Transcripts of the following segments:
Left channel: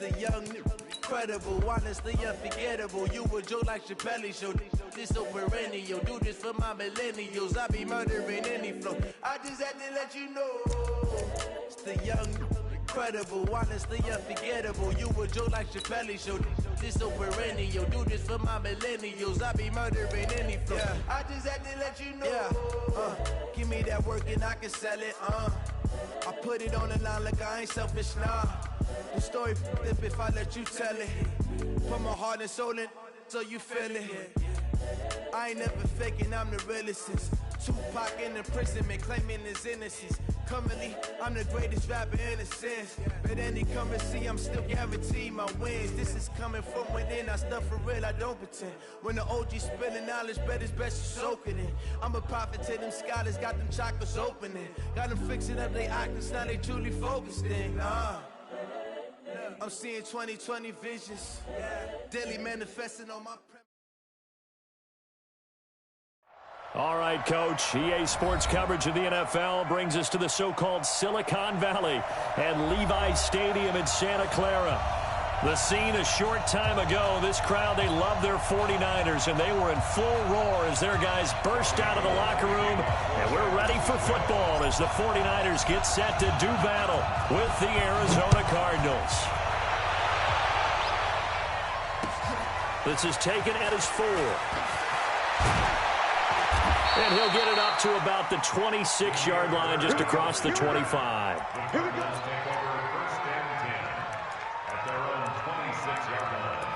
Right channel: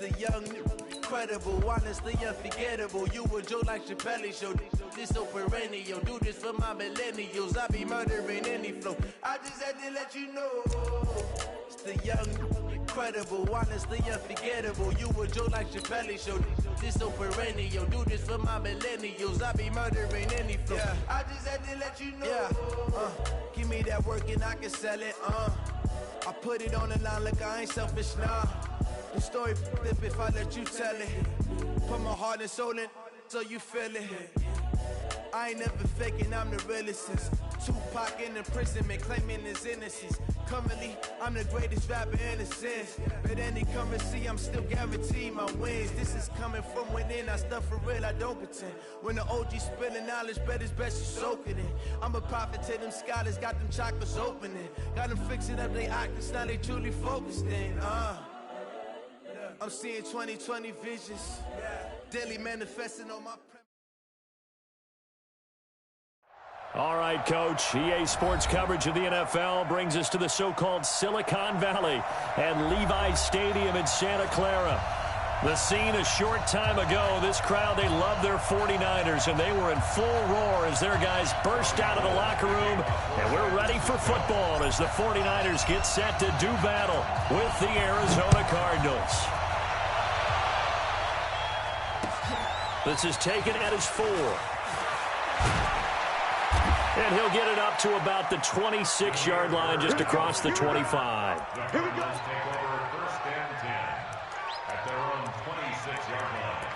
the young, incredible, honestly unforgettable. You a joke like Chappelle Show. This so perennial. Do this for my millennials. I be murdering any flow. I just had to let you know. It's the young, incredible, honestly unforgettable. You a joke like Chappelle Show. This so perennial. Do this for my millennials. I be murdering any flow. Yeah. I just had to let you know. Yeah. Give me that work and I can sell it. I put it on the line like I ain't selfish, nah. The story flip if I let you tell it. Put my heart and soul in so you feel it. I ain't never faking, I'm the realest since Tupac in imprisonment, claiming his innocence. Currently, I'm the greatest rapper in a sense. But any currency, I'm still guaranteed my wins. This is coming from within, I stuff for real, I don't pretend. When the OG spilling knowledge, bet it's best you soak it in. I'm a prophet to them scholars, got them chakras opening. Got them fixing up their octaves, now they truly focused in. I'm seeing 2020 visions, daily manifesting on my All right, Coach. EA Sports coverage of the NFL brings us to the so-called Silicon Valley and Levi's Stadium in Santa Clara. The scene a short time ago, this crowd, they love their 49ers, and they were in full roar as their guys burst out of the locker room. And we're ready for football as the 49ers get set to do battle with the Arizona Cardinals. This is taken at his 4. And he'll get it up to about the 26-yard line, just across the 25. Here we go. Take over first and 10 at their own 26-yard line.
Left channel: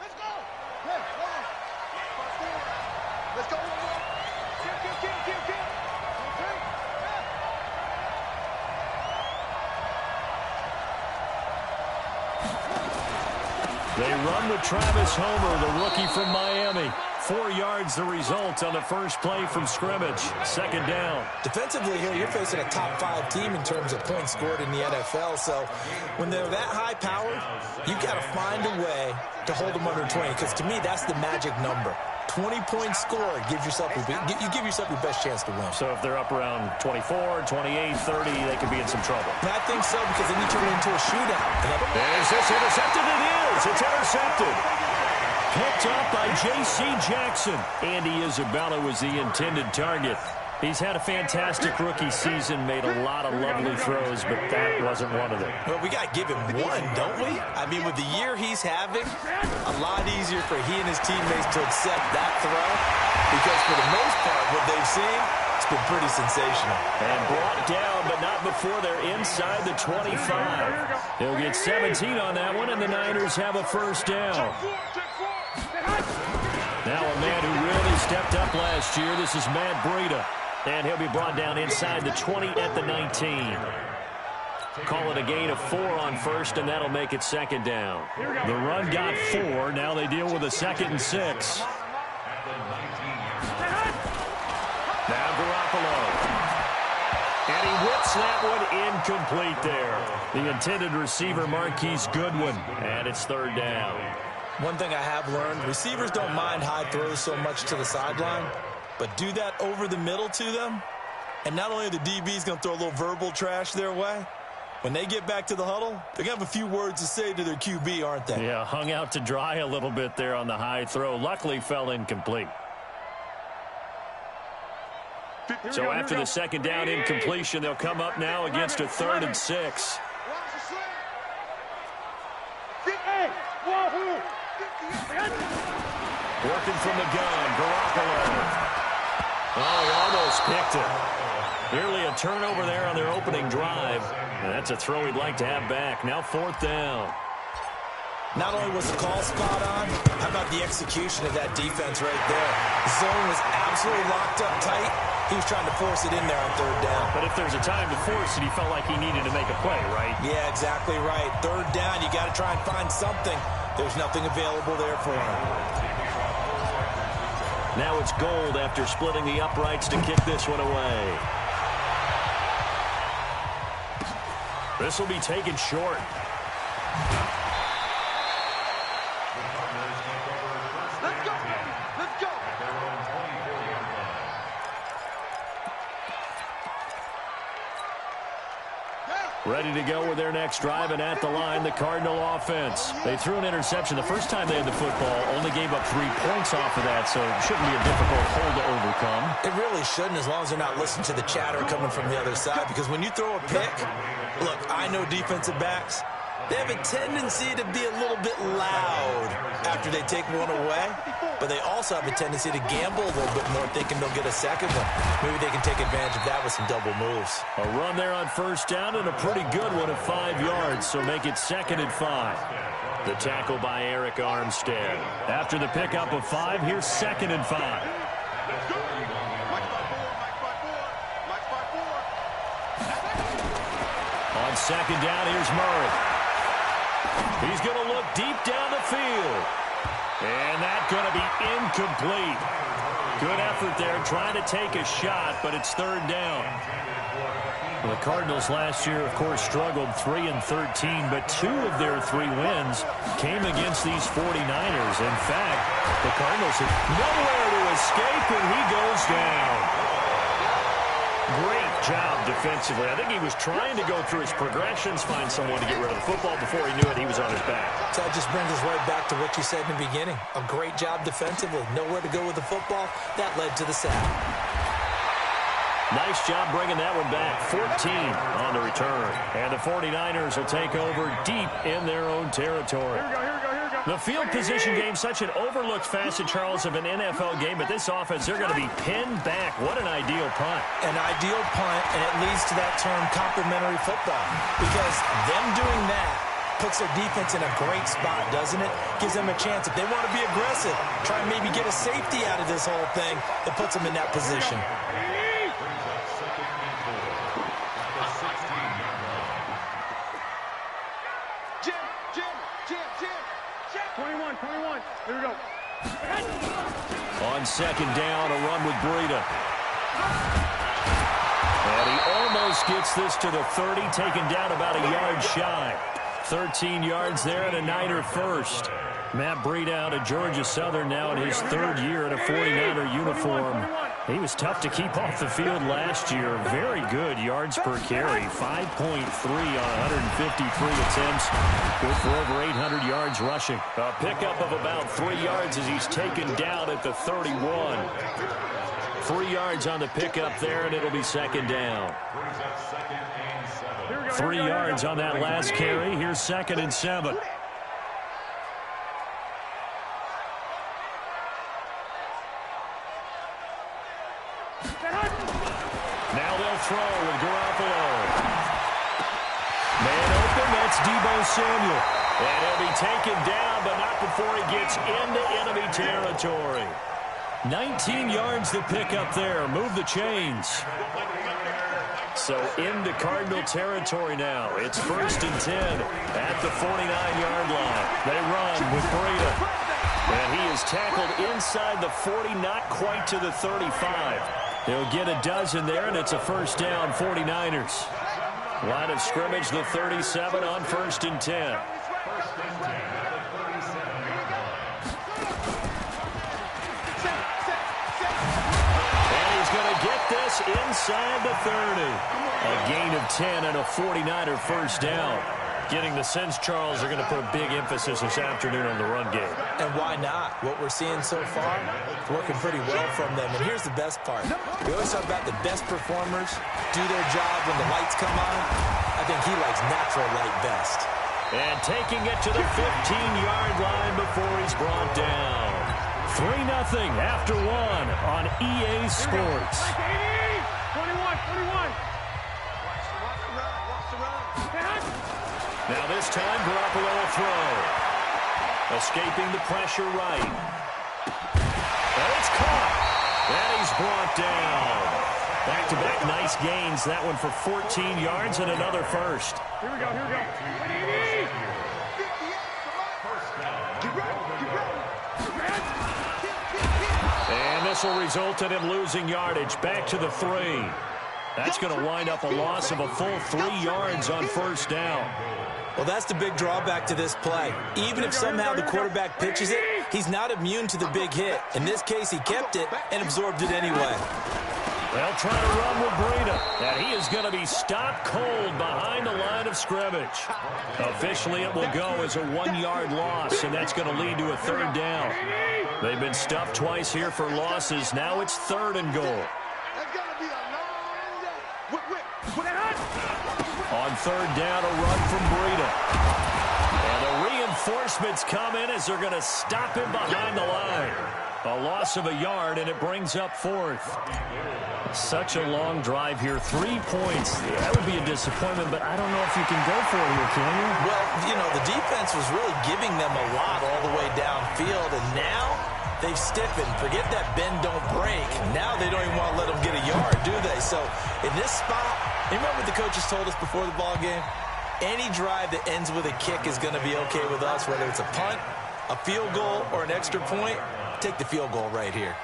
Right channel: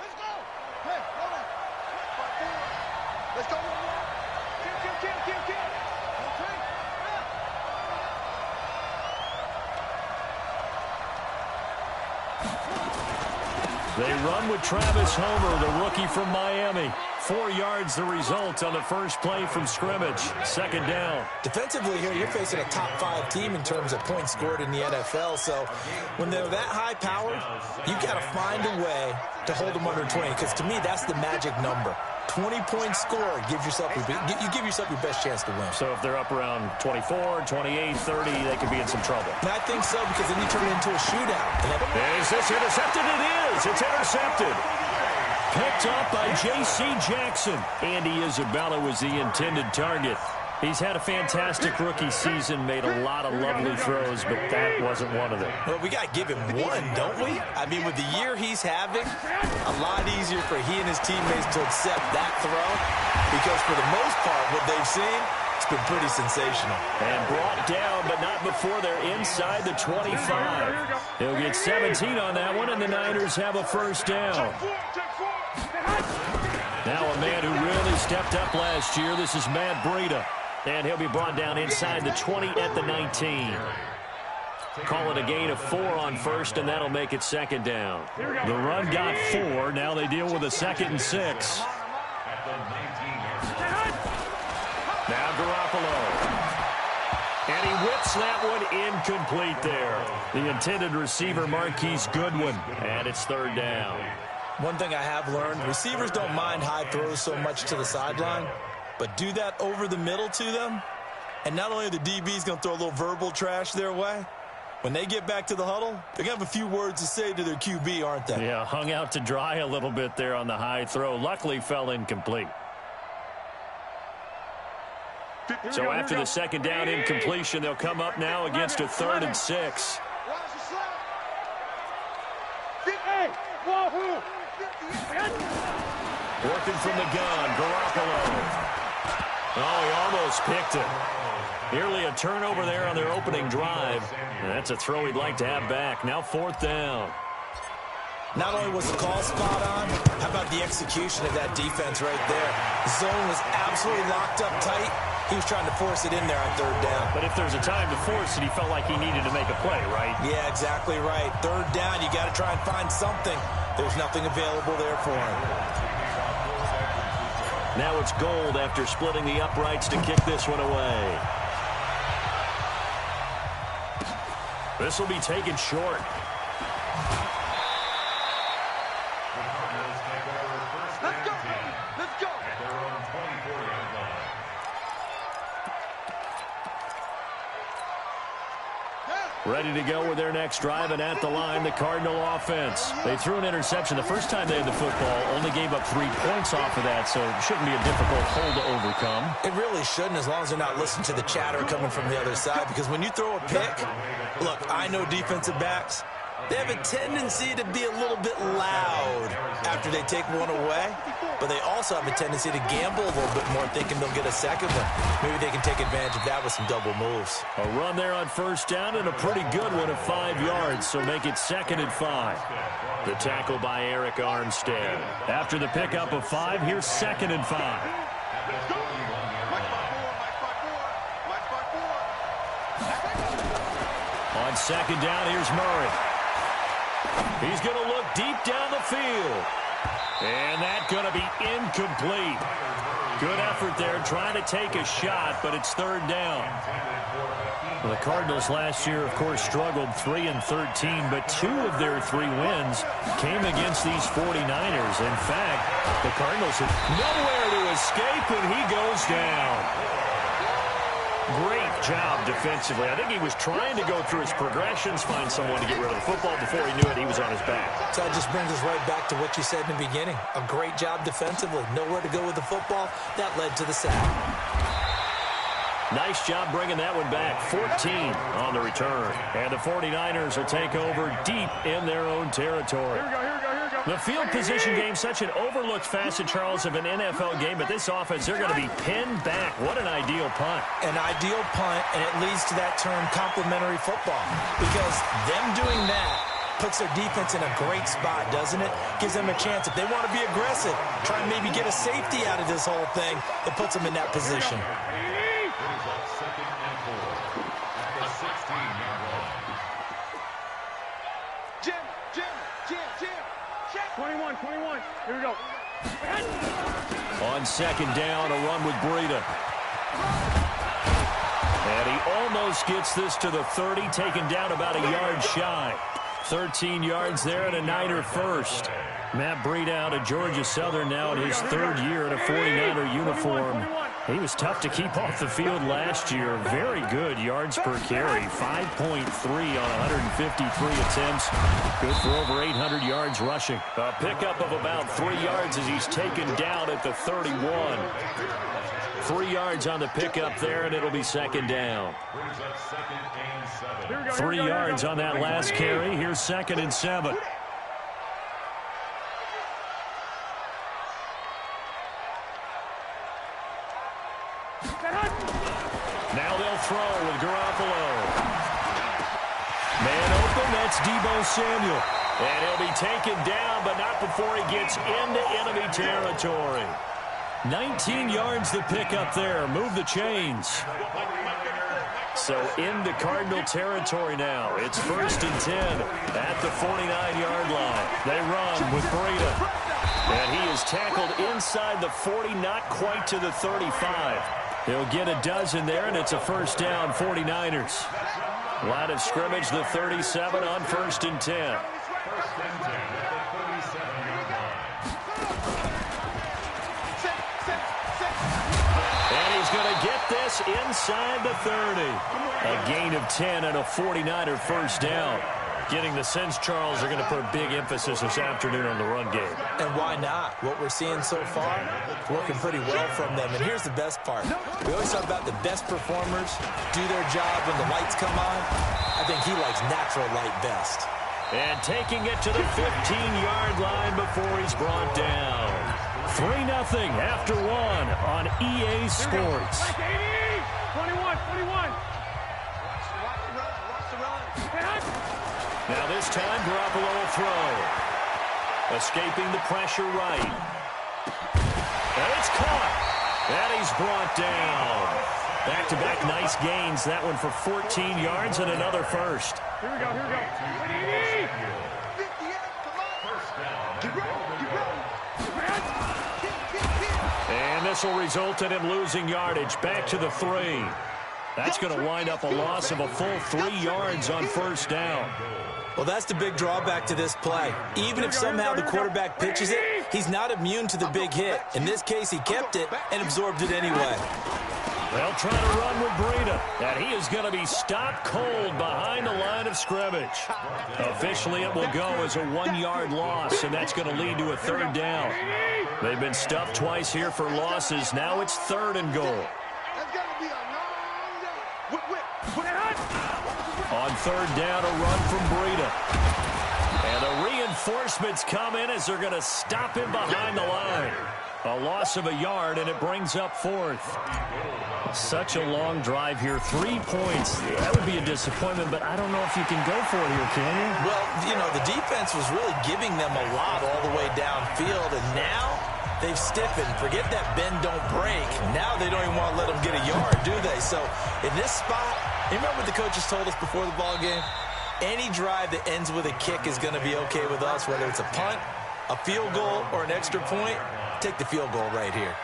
Let's go. Hey, hold on. Let's go one more. Kill. Okay. They run with Travis Homer, the rookie from Miami. 4 yards the result on the first play from scrimmage. Second down. Defensively here, you're facing a top 5 team in terms of points scored in the NFL. So when they're that high powered, you've got to find a way to hold them under 20. Because to me, that's the magic number. 20-point score gives yourself you give yourself your best chance to win. So if they're up around 24, 28, 30, they could be in some trouble. And I think so, because then you turn it into a shootout. Is this intercepted? It is. It's intercepted. Picked up by J.C. Jackson. Andy Isabella was the intended target. He's had a fantastic rookie season, made a lot of lovely throws, but that wasn't one of them. Well, we got to give him one, don't we? I mean, with the year he's having, a lot easier for he and his teammates to accept that throw, because for the most part, what they've seen, it's been pretty sensational. And brought down, but not before they're inside the 25. He'll get 17 on that one, and the Niners have a first down. Now a man who really stepped up last year, this is Matt Breida. And he'll be brought down inside the 20 at the 19. Call it a gain of 4 on first, and that'll make it second down. The run got 4. Now they deal with a 2nd and 6. Now Garoppolo. And he whips that one incomplete there. The intended receiver, Marquise Goodwin. And it's third down. One thing I have learned, receivers don't mind high throws so much to the sideline, but do that over the middle to them, and not only are the DBs going to throw a little verbal trash their way, when they get back to the huddle, they're going to have a few words to say to their QB, aren't they? Yeah, hung out to dry a little bit there on the high throw. Luckily fell incomplete. So after the second down incompletion, they'll come up now against a 3rd and 6. Working from the gun, Garoppolo. Oh, he almost picked it. Nearly a turnover there on their opening drive. And that's a throw he'd like to have back. Now 4th down. Not only was the call spot on, how about the execution of that defense right there? The zone was absolutely locked up tight. He was trying to force it in there on 3rd down. But if there's a time to force it, he felt like he needed to make a play, right? Yeah, exactly right. 3rd down, you got to try and find something. There's nothing available there for him. Now it's Gold after splitting the uprights to kick this one away. This will be taken short. Let's go, baby. Let's go. At their own 24-yard line. Ready to go with their next drive, and at the line, the Cardinal offense. They threw an interception the first time they had the football, only gave up 3 points off of that, so it shouldn't be a difficult hole to overcome. It really shouldn't, as long as they're not listening to the chatter coming from the other side, because when you throw a pick, look, I know defensive backs, they have a tendency to be a little bit loud after they take one away, but they also have a tendency to gamble a little bit more, thinking they'll get a second one. Maybe they can take advantage of that with some double moves. A run there on first down and a pretty good one at 5 yards, so make it 2nd and 5. The tackle by Eric Armstead. After the pickup of 5, here's 2nd and 5. On 2nd down, here's Murray. He's going to look deep down the field. And that's going to be incomplete. Good effort there, trying to take a shot, but it's 3rd down. Well, the Cardinals last year, of course, struggled 3-13, but 2 of their 3 wins came against these 49ers. In fact, the Cardinals have nowhere to escape, and he goes down. Great job defensively. I think he was trying to go through his progressions, find someone to get rid of the football. Before he knew it, he was on his back. So that just brings us right back to what you said in the beginning. A great job defensively. Nowhere to go with the football. That led to the sack. Nice job bringing that one back. 14 on the return. And the 49ers will take over deep in their own territory. Here we go. The field position game, such an overlooked facet, Charles, of an NFL game. But this offense, they're going to be pinned back. What an ideal punt. An ideal punt, and it leads to that term complementary football. Because them doing that puts their defense in a great spot, doesn't it? Gives them a chance. If they want to be aggressive, try and maybe get a safety out of this whole thing, it puts them in that position. Jim. 21. Here we go. On 2nd down, a run with Breida. And he almost gets this to the 30, taken down about a yard shy. 13 yards there and a Niner first. Matt Breida out of Georgia Southern now in his 3rd year in a 49er uniform. He was tough to keep off the field last year. Very good yards per carry. 5.3 on 153 attempts. Good for over 800 yards rushing. A pickup of about 3 yards as he's taken down at the 31. 3 yards on the pickup there, and it'll be 2nd down. 3 yards on that last carry. Here's 2nd and 7. Now they'll throw with Garoppolo. Man open, that's Deebo Samuel. And he'll be taken down, but not before he gets into enemy territory. 19 yards to pick up there. Move the chains. So into Cardinal territory now. It's 1st and 10 at the 49-yard line. They run with Breida. And he is tackled inside the 40, not quite to the 35. He'll get a dozen there, and it's a 1st down, 49ers. Line of scrimmage, the 37 on 1st and 10. And he's going to get this inside the 30. A gain of 10 and a 49er 1st down. Getting the sense, Charles, they're going to put a big emphasis this afternoon on the run game. And why not? What we're seeing so far, working pretty well from them. And here's the best part. We always talk about the best performers do their job when the lights come on. I think he likes natural light best. And taking it to the 15-yard line before he's brought down. 3-0 after 1 on EA Sports. 21. Watch the run. Now this time, Garoppolo will throw. Escaping the pressure right. And it's caught. And he's brought down. Back-to-back nice gains. That one for 14 yards and another 1st. Here we go. 58, come on. Get ready. And this will result in him losing yardage. Back to the 3. That's going to wind up a loss of a full 3 yards on 1st down. Well, that's the big drawback to this play. Even if somehow the quarterback pitches it, he's not immune to the big hit. In this case, he kept it and absorbed it anyway. They'll try to run with Breida, and he is going to be stopped cold behind the line of scrimmage. Officially, it will go as a 1-yard loss, and that's going to lead to a 3rd down. They've been stuffed twice here for losses. Now it's 3rd and goal. On 3rd down, a run from Breida. And the reinforcements come in as they're going to stop him behind the line. A loss of a yard, and it brings up 4th. Such a long drive here. 3 points. That would be a disappointment, but I don't know if you can go for it here, can you? Well, you know, the defense was really giving them a lot all the way downfield, and now they've stiffened. Forget that bend, don't break. Now they don't even want to let them get a yard, do they? So in this spot, you remember what the coaches told us before the ball game? Any drive that ends with a kick is going to be okay with us, whether it's a punt, a field goal, or an extra point. Take the field goal right here.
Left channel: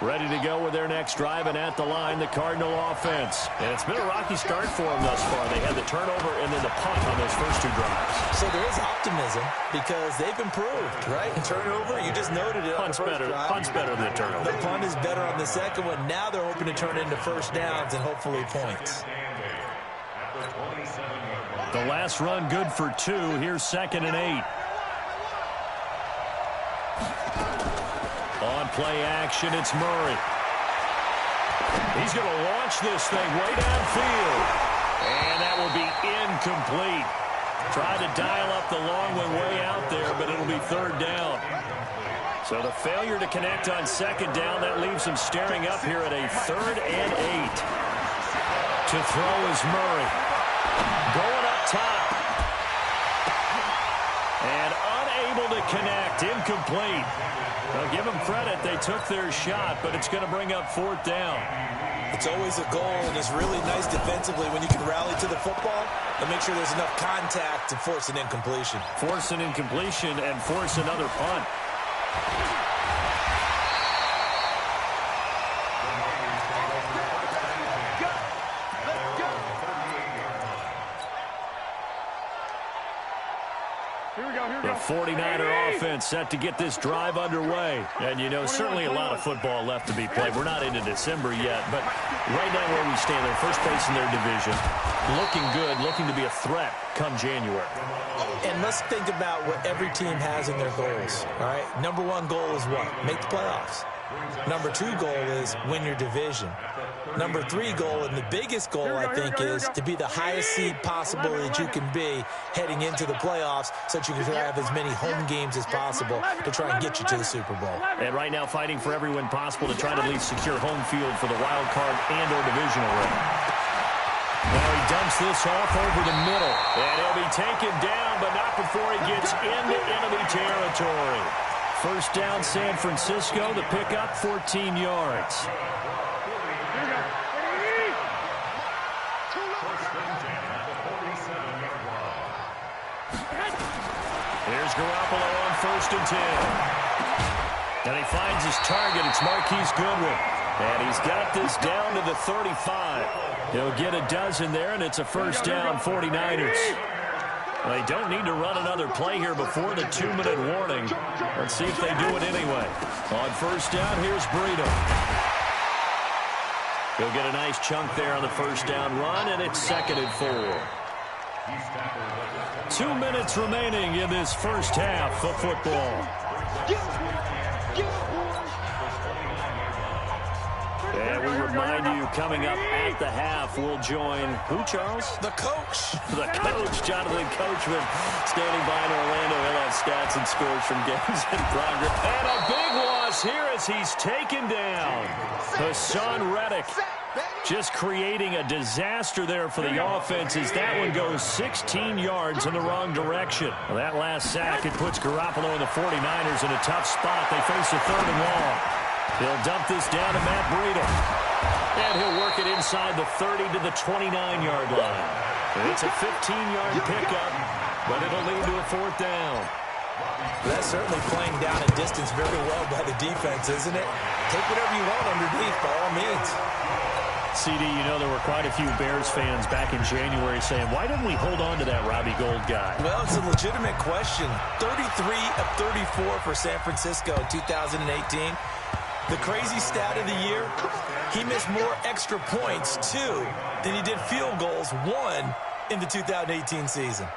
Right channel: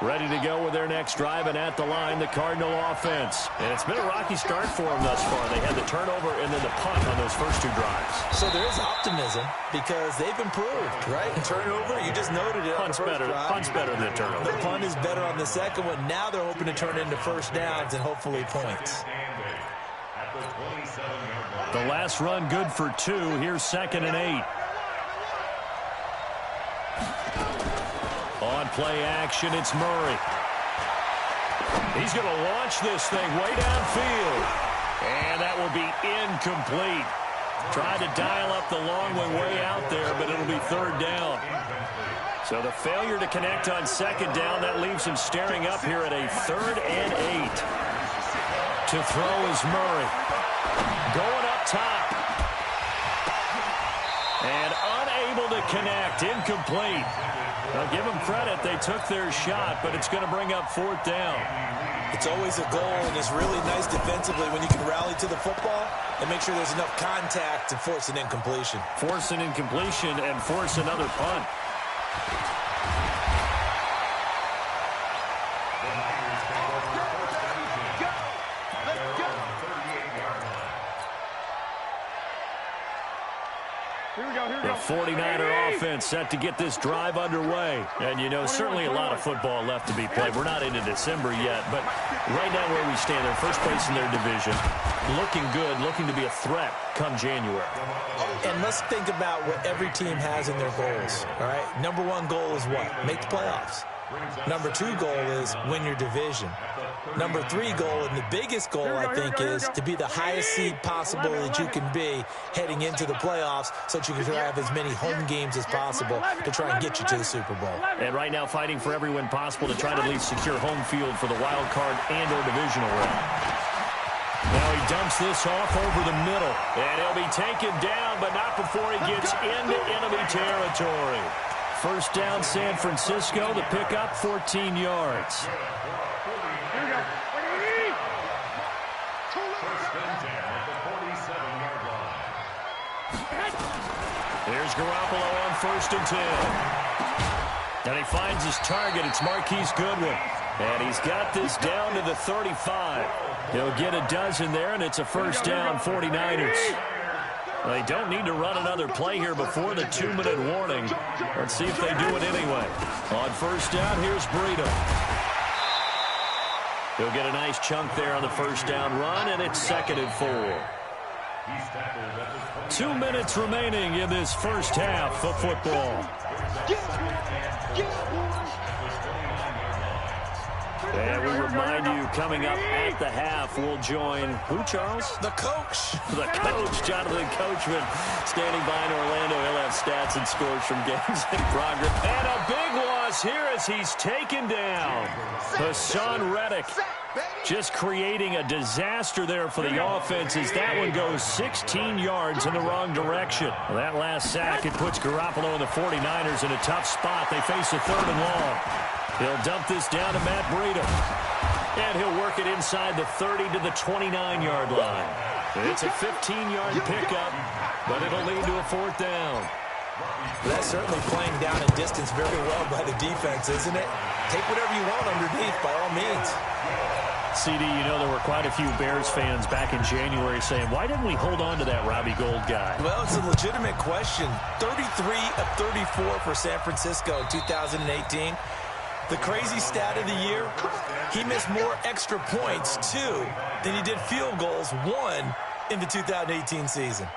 Ready to go with their next drive, and at the line, the Cardinal offense. And it's been a rocky start for them thus far. They had the turnover and then the punt on those first 2 drives. So there is optimism because they've improved, right? Turnover, you just noted it on the first drive. Punt's better than the turnover. The punt is better on the second one. Now they're hoping to turn it into first downs and hopefully points. The last run good for 2. Here's 2nd and 8. On play action, it's Murray. He's going to launch this thing way downfield. And that will be incomplete. Tried to dial up the long one way out there, but it'll be 3rd down. So the failure to connect on 2nd down, that leaves him staring up here at a 3rd and 8. To throw is Murray. Going up top. And unable to connect. Incomplete. Now, give them credit. They took their shot, but it's going to bring up 4th down. It's always a goal, and it's really nice defensively when you can rally to the football and make sure there's enough contact to force an incompletion. Force an incompletion and force another punt. The 49er offense set to get this drive underway. And, you know, certainly a lot of football left to be played. We're not into December yet, but right now where we stand, they're first place in their division. Looking good, looking to be a threat come January. And let's think about what every team has in their goals, all right? Number 1 goal is what? Make the playoffs. Number 2 goal is win your division. Number 3 goal, and the biggest goal, I think, is to be the highest seed possible that you can be heading into the playoffs so that you can have as many home games as possible to try and get you to the Super Bowl. And right now fighting for every win possible to try to at least secure home field for the wild card and or divisional round. Now he dumps this off over the middle. And he'll be taken down, but not before he gets into enemy territory. First down, San Francisco. The pickup, 14 yards. Here we go. First and 10 at the 47-yard line. Here's Garoppolo on 1st and 10. And he finds his target. It's Marquise Goodwin. And he's got this down to the 35. He'll get a dozen there, and it's a first down, 49ers. They don't need to run another play here before the 2-minute warning. Let's see if they do it anyway. On first down, here's Breida. He'll get a nice chunk there on the first down run, and it's 2nd and 4. 2 minutes remaining in this first half of football. And we remind you, coming up at the half, we'll join who, Charles? The coach. The coach, Jonathan Coachman, standing by in Orlando. He'll have stats and scores from games in progress. And a big loss here as he's taken down. Hassan Reddick just creating a disaster there for the offense as that one goes 16 yards in the wrong direction. Well, that last sack, it puts Garoppolo and the 49ers in a tough spot. They face a 3rd and long. He'll dump this down to Matt Breida. And he'll work it inside the 30 to the 29-yard line. It's a 15-yard pickup, but it'll lead to a 4th down. That's certainly playing down a distance very well by the defense, isn't it? Take whatever you want underneath, by all means. CD, you know there were quite a few Bears fans back in January saying, why didn't we hold on to that Robbie Gould guy? Well, it's a legitimate question. 33 of 34 for San Francisco in 2018. The crazy stat of the year, he missed more extra points, 2, than he did field goals, 1, in the 2018 season.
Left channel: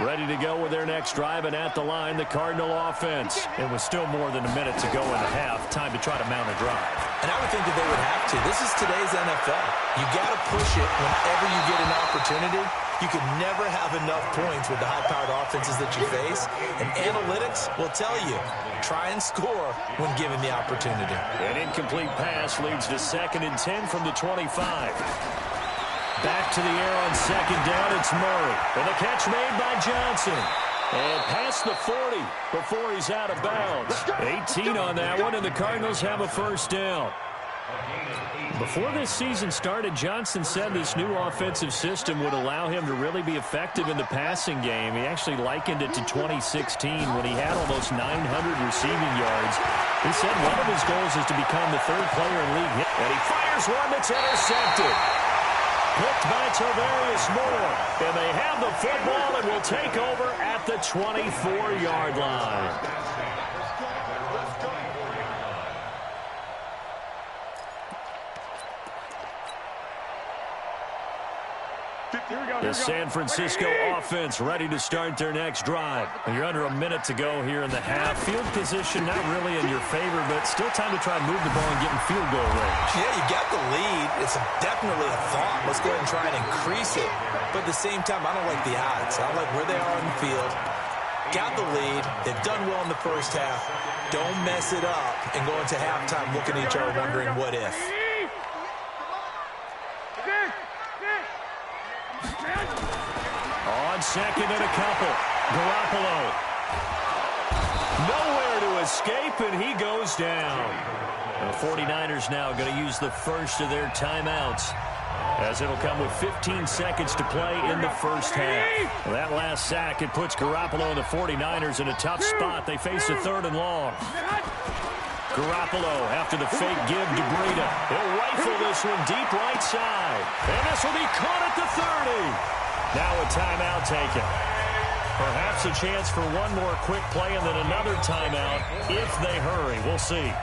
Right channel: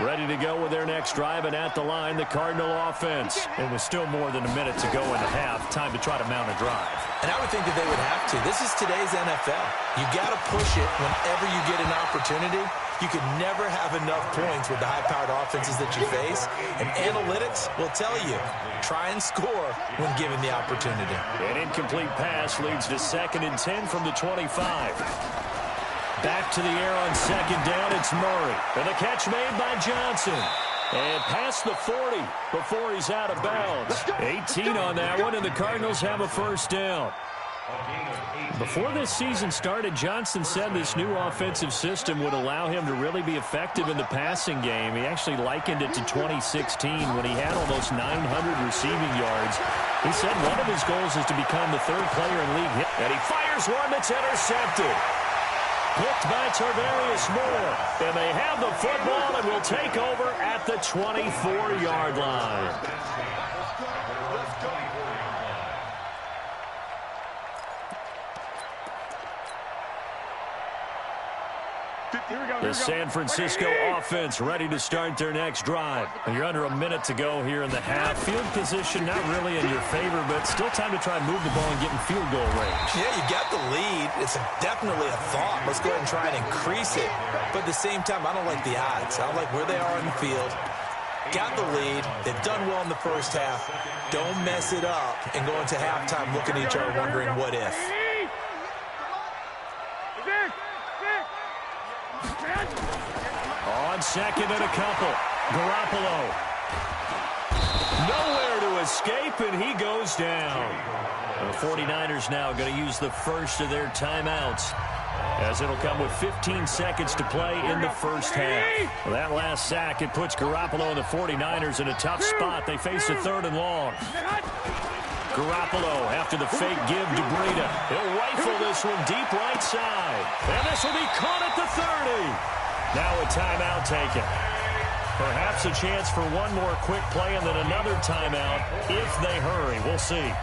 Ready to go with their next drive, and at the line, the Cardinal offense. It was still more than a minute to go in the half. Time to try to mount a drive. And I would think that they would have to. This is today's NFL. You got to push it whenever you get an opportunity. You can never have enough points with the high-powered offenses that you face. And analytics will tell you, try and score when given the opportunity. An incomplete pass leads to 2nd and 10 from the 25. Back to the air on 2nd down, it's Murray. And the catch made by Johnson. And past the 40 before he's out of bounds. 18 on that one, and the Cardinals have a first down. Before this season started, Johnson said this new offensive system would allow him to really be effective in the passing game. He actually likened it to 2016 when he had almost 900 receiving yards. He said one of his goals is to become the 3rd player in league hit. And he fires one that's intercepted. Picked by Tarvarius Moore. And they have the football and will take over at the 24-yard line. The San Francisco offense ready to start their next drive. And you're under a minute to go here in the half. Field position not really in your favor, but still time to try and move the ball and get in field goal range. Yeah, you got the lead. It's definitely a thought. Let's go ahead and try and increase it. But at the same time, I don't like the odds. I don't like where they are in the field. Got the lead. They've done well in the first half. Don't mess it up and go into halftime looking at each other wondering what if. On 2nd and a couple, Garoppolo. Nowhere to escape, and he goes down. The 49ers now going to use the first of their timeouts, as it'll come with 15 seconds to play in the first half. Well, that last sack, it puts Garoppolo and the 49ers in a tough spot. They face a 3rd and long. Garoppolo after the fake give to Breida. He'll rifle this one deep right side. And this will be caught at the 30. Now a timeout taken. Perhaps a chance for one more quick play and then another timeout if they hurry. We'll see.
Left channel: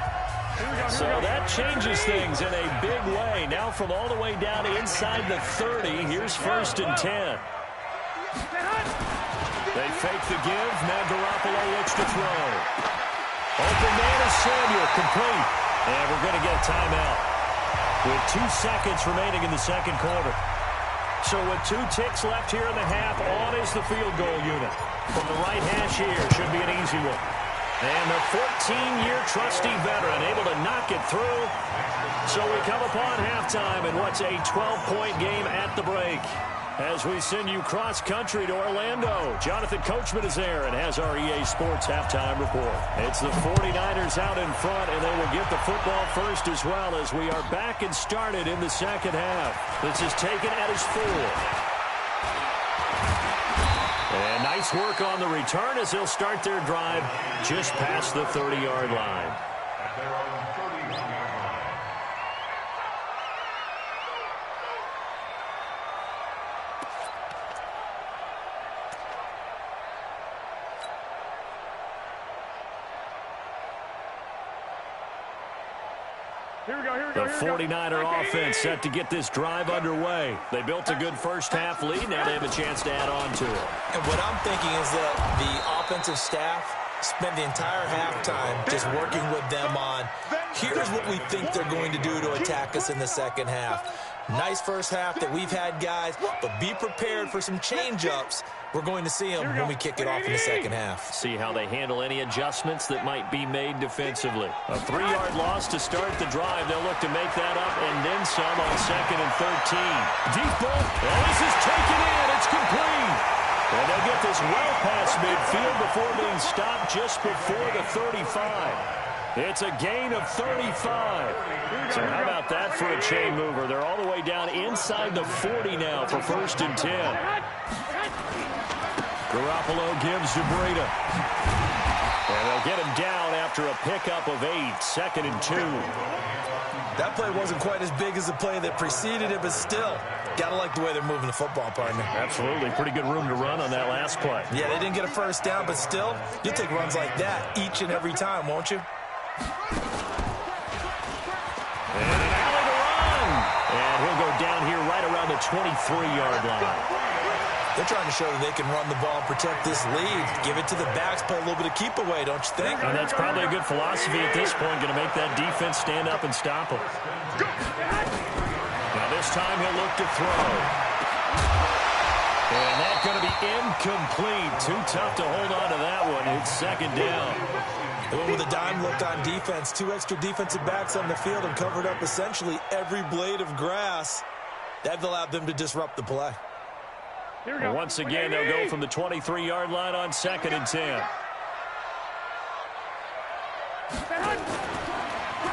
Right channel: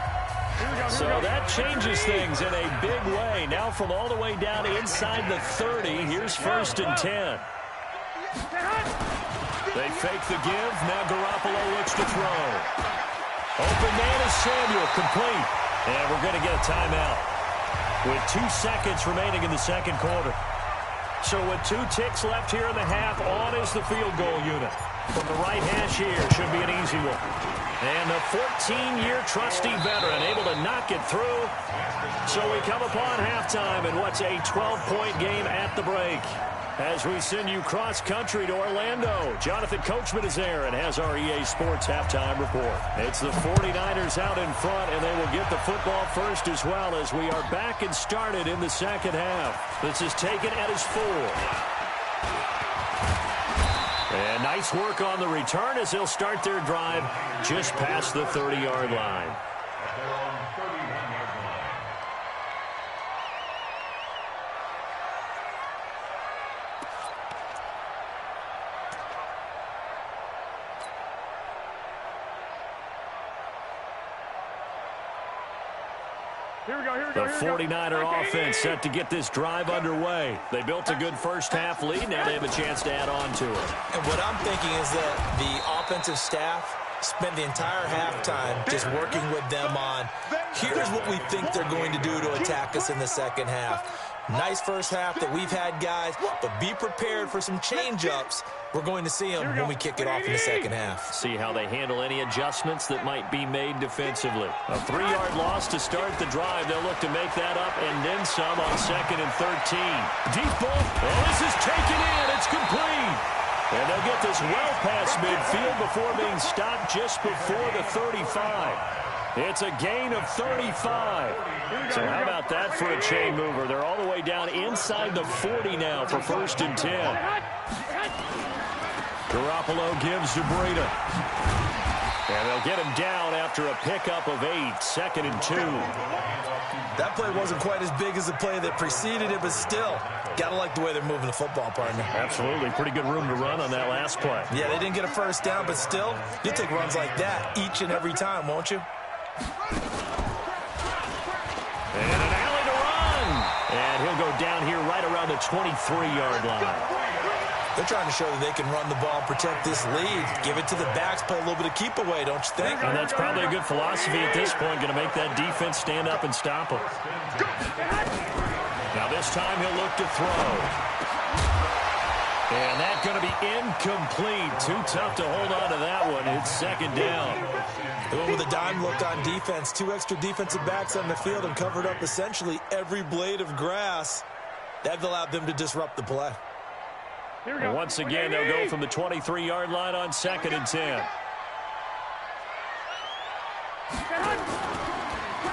So that changes things in a big way. Now from all the way down inside the 30, here's 1st and 10. They fake the give. Now Garoppolo looks to throw. Open man is Samuel, complete. And we're going to get a timeout with 2 seconds remaining in the second quarter. So with 2 ticks left here in the half, on is the field goal unit. From the right hash here, should be an easy one. And the 14-year trusty veteran able to knock it through. So we come upon halftime in what's a 12-point game at the break. As we send you cross-country to Orlando, Jonathan Coachman is there and has our EA Sports halftime report. It's the 49ers out in front, and they will get the football first as well as we are back and started in the second half. This is taken at his 4. And nice work on the return as they'll start their drive just past the 30-yard line. At their own 31-yard line. The 49er offense set to get this drive underway. They built a good first half lead. Now they have a chance to add on to it. And what I'm thinking is that the offensive staff spent the entire halftime just working with them on, here's what we think they're going to do to attack us in the second half. Nice first half that we've had, guys, but be prepared for some change-ups. We're going to see them when we kick it off in the second half. See how they handle any adjustments that might be made defensively. A 3-yard loss to start the drive. They'll look to make that up and then some on 2nd and 13. Deep ball. Oh, this is taken in. It's complete. And they'll get this well past midfield before being stopped just before the 35. It's a gain of 35. So how about that for a chain mover? They're all the way down inside the 40 now for 1st and 10. Garoppolo gives to Breida. And they'll get him down after a pickup of 8, 2nd and 2. That play wasn't quite as big as the play that preceded it, but still, got to like the way they're moving the football, partner. Absolutely. Pretty good room to run on that last play. Yeah, they didn't get a first down, but still, you'll take runs like that each and every time, won't you? And an alley to run. And he'll go down here right around the 23-yard line. They're trying to show that they can run the ball and protect this lead. Give it to the backs, play a little bit of keep away, don't you think? And that's probably a good philosophy at this point, going to make that defense stand up and stop them. Now this time he'll look to throw. And that's going to be incomplete. Too tough to hold on to that one. It's 2nd down. They went with a dime look on defense. 2 extra defensive backs on the field and covered up essentially every blade of grass. That allowed them to disrupt the play. And once again, they'll go from the 23-yard line on 2nd and 10.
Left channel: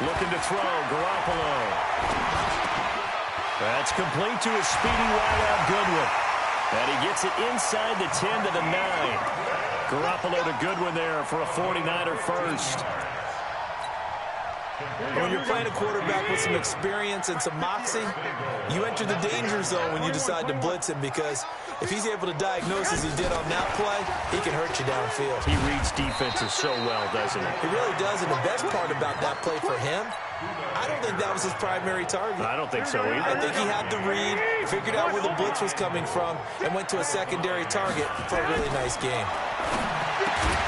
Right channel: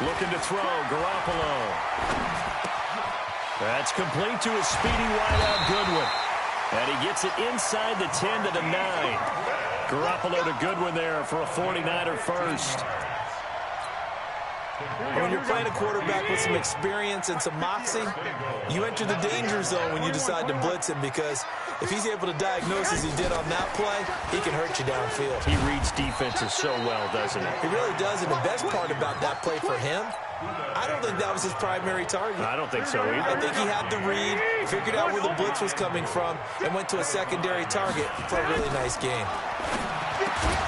Looking to throw, Garoppolo. That's complete to a speedy wideout, Goodwin. And he gets it inside the 10 to the 9. Garoppolo to Goodwin there for a 49er first. When you're playing a quarterback with some experience and some moxie, you enter the danger zone when you decide to blitz him, because if he's able to diagnose as he did on that play, he can hurt you downfield. He reads defenses so well, doesn't he? He really does, and the best part about that play for him, I don't think that was his primary target. I don't think so either. I think he had the read, figured out where the blitz was coming from, and went to a secondary target for a really nice game.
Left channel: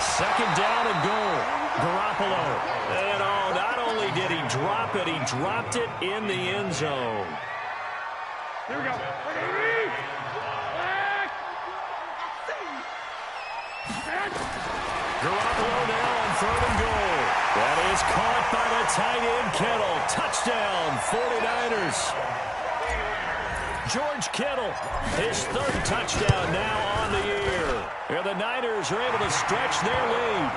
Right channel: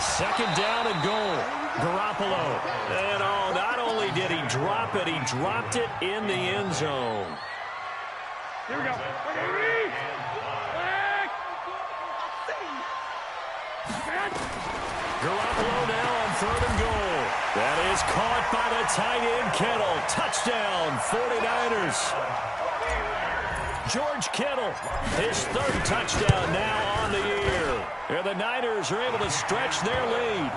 2nd down and goal. Garoppolo. And not only did he drop it, he dropped it in the end zone. Here we go. Garoppolo now on 3rd and goal. That is caught by the tight end, Kittle. Touchdown, 49ers. George Kittle, his 3rd touchdown now on the year. Here the Niners are able to stretch their lead.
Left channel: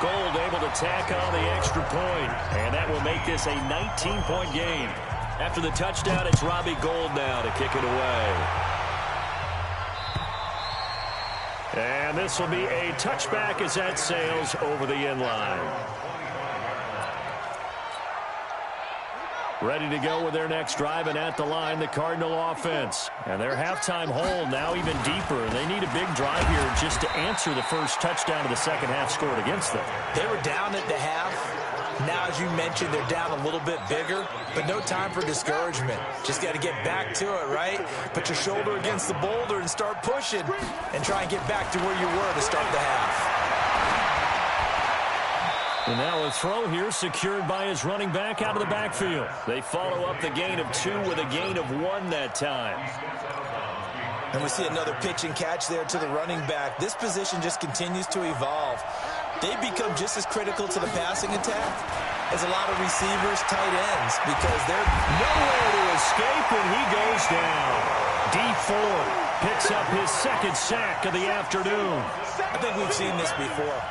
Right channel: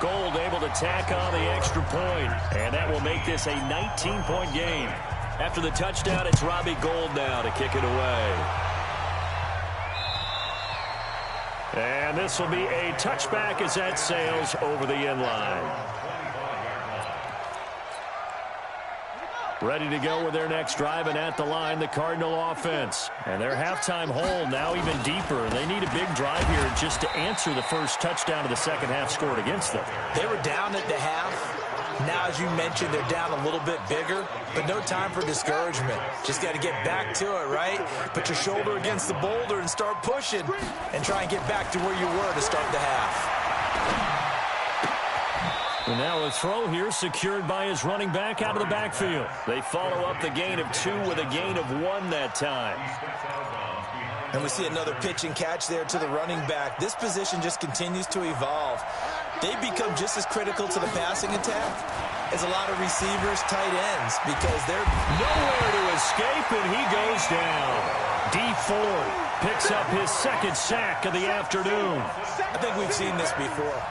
Gold able to tack on the extra point, and that will make this a 19-point game. After the touchdown, it's Robbie Gould now to kick it away. And this will be a touchback as that sails over the end line. Ready to go with their next drive, and at the line, the Cardinal offense. And their halftime hole now even deeper. They need a big drive here just to answer the first touchdown of the second half scored against them. They were down at the half. Now, as you mentioned, they're down a little bit bigger, but no time for discouragement. Just got to get back to it, right? Put your shoulder against the boulder and start pushing, and try and get back to where you were to start the half. And now a throw here secured by his running back out of the backfield. They follow up the gain of 2 with a gain of 1 that time. And we see another pitch and catch there to the running back. This position just continues to evolve. They become just as critical to the passing attack as a lot of receivers, tight ends, because they're nowhere to escape, and he goes down. Dee Ford picks up his 2nd sack of the afternoon. I think we've seen this before.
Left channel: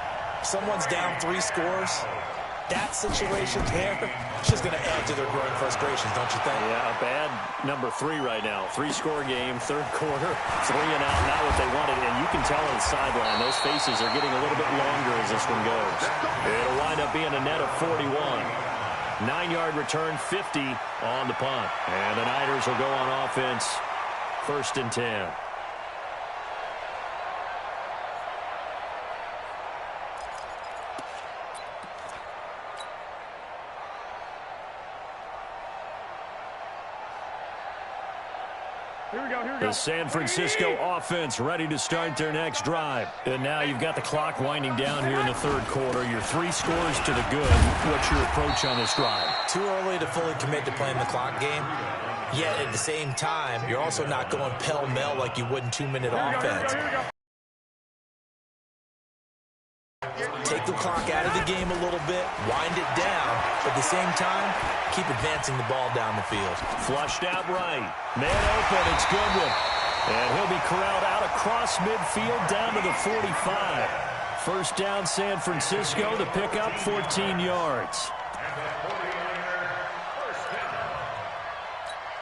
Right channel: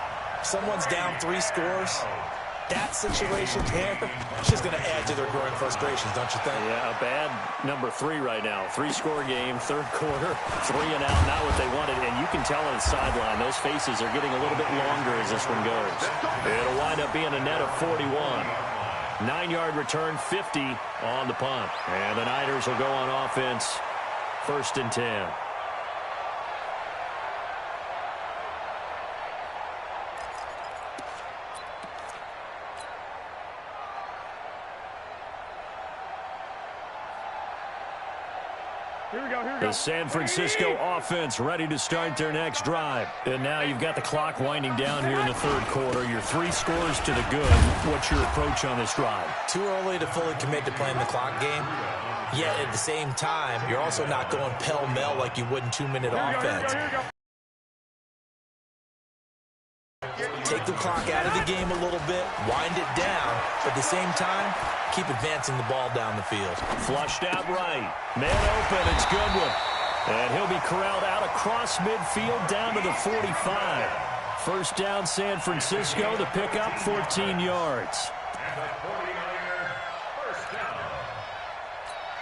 Someone's down 3 scores. That situation there, it's just going to add to their growing frustrations, don't you think? Yeah, a bad number 3 right now. 3-score game, 3rd quarter, 3 and out, not what they wanted. And you can tell on the sideline, those faces are getting a little bit longer as this one goes. It'll wind up being a net of 41. 9-yard return, 50 on the punt. And the Niners will go on offense, 1st and 10. Here we go. The San Francisco offense ready to start their next drive. And now you've got the clock winding down here in the 3rd quarter. Your 3 scores to the good. What's your approach on this drive? Too early to fully commit to playing the clock game. Yet at the same time, you're also not going pell-mell like you would in 2-minute offense. Take the clock out of the game a little bit, wind it down, but at the same time, keep advancing the ball down the field. Flushed out right. Man open, it's Goodwin. And he'll be corralled out across midfield down to the 45. 1st down, San Francisco. The pickup, 14 yards. And the 49er, 1st down.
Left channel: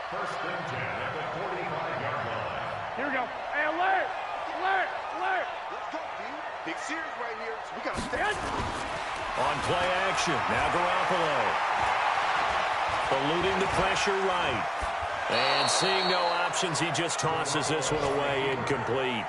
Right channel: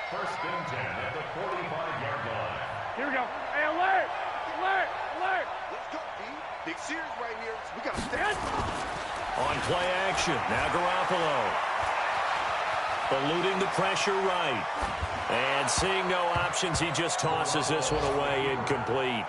1st and 10 at the 45-yard line. Here we go. Hey, alert! Alert! Alert! Let's go, D. Big series right here. So we got to stay. On play action, now Garoppolo. Eluding the pressure right. And seeing no options, he just tosses this one away, incomplete.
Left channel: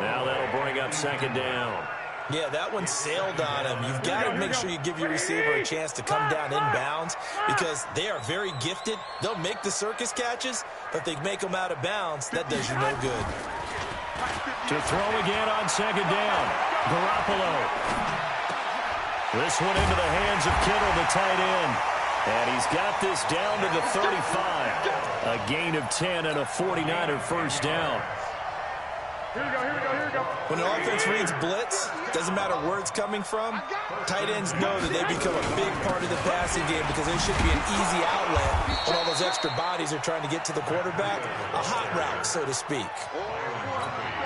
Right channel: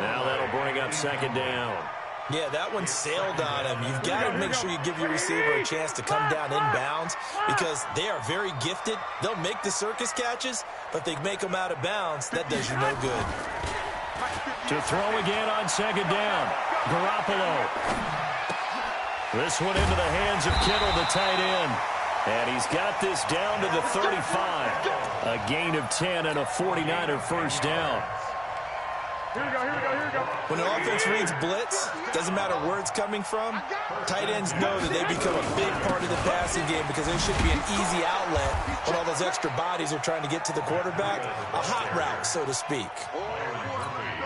Now that'll bring up second down. Yeah, that one sailed on him. You've got to make sure you give your receiver a chance to come down inbounds because they are very gifted. They'll make the circus catches, but if they make them out of bounds, that does you no good. To throw again on second down, Garoppolo. This one into the hands of Kittle, the tight end. And he's got this down to the 35. A gain of 10 and a 49er first down. Here we go, here we go, here we go. When the offense reads blitz, doesn't matter where it's coming from, tight ends know that they become a big part of the passing game because they should be an easy outlet when all those extra bodies are trying to get to the quarterback. A hot route, so to speak.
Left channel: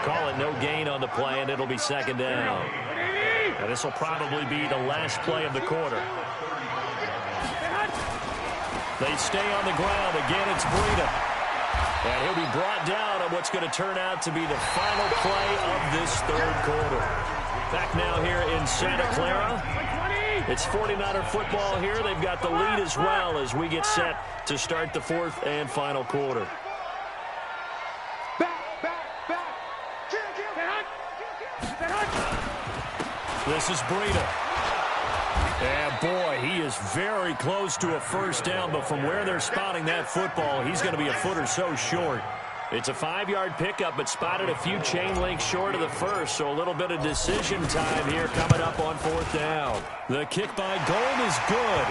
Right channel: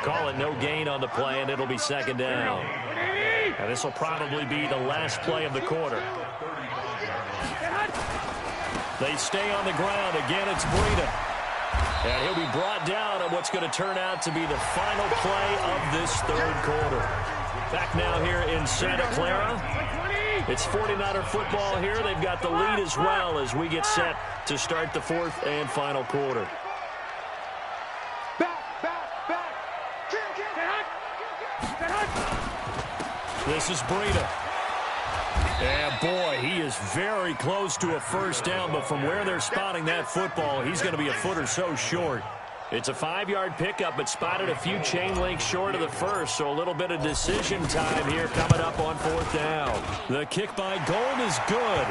Call it no gain on the play, and it'll be second down. And this will probably be the last play of the quarter. They stay on the ground. Again, it's Breida. And he'll be brought down on what's going to turn out to be the final play of this third quarter. Back now here in Santa Clara. It's 49er football here. They've got the lead as well as we get set to start the fourth and final quarter. This is Breida. And boy, he is very close to a first down, but from where they're spotting that football, he's going to be a foot or so short. It's a 5-yard pickup, but spotted a few chain links short of the first, so a little bit of decision time here coming up on fourth down. The kick by Gold is good,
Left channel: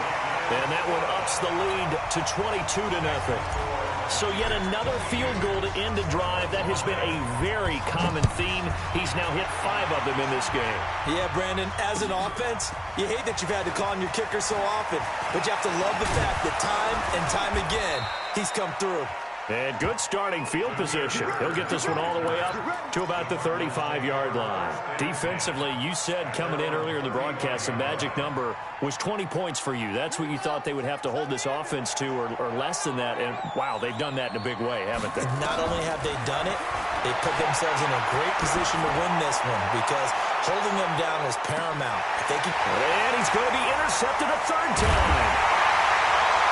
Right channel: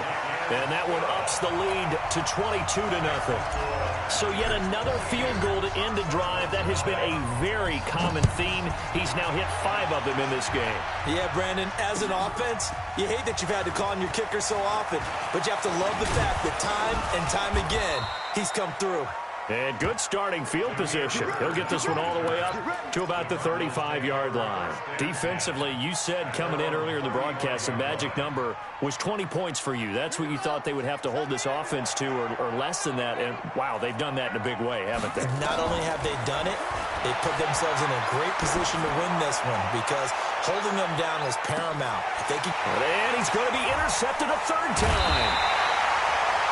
and that one ups the lead to 22-0. So yet another field goal to end a drive. That has been a very common theme. He's now hit 5 of them in this game. Yeah, Brandon, as an offense, you hate that you've had to call on your kicker so often, but you have to love the fact that time and time again, he's come through. And good starting field position. He'll get this one all the way up to about the 35-yard line. Defensively, you said coming in earlier in the broadcast, the magic number was 20 points for you. That's what you thought they would have to hold this offense to or less than that. And, wow, they've done that in a big way, haven't they? Not only have they done it, they put themselves in a great position to win this one because holding them down was paramount. If they could... And he's going to be intercepted a third time.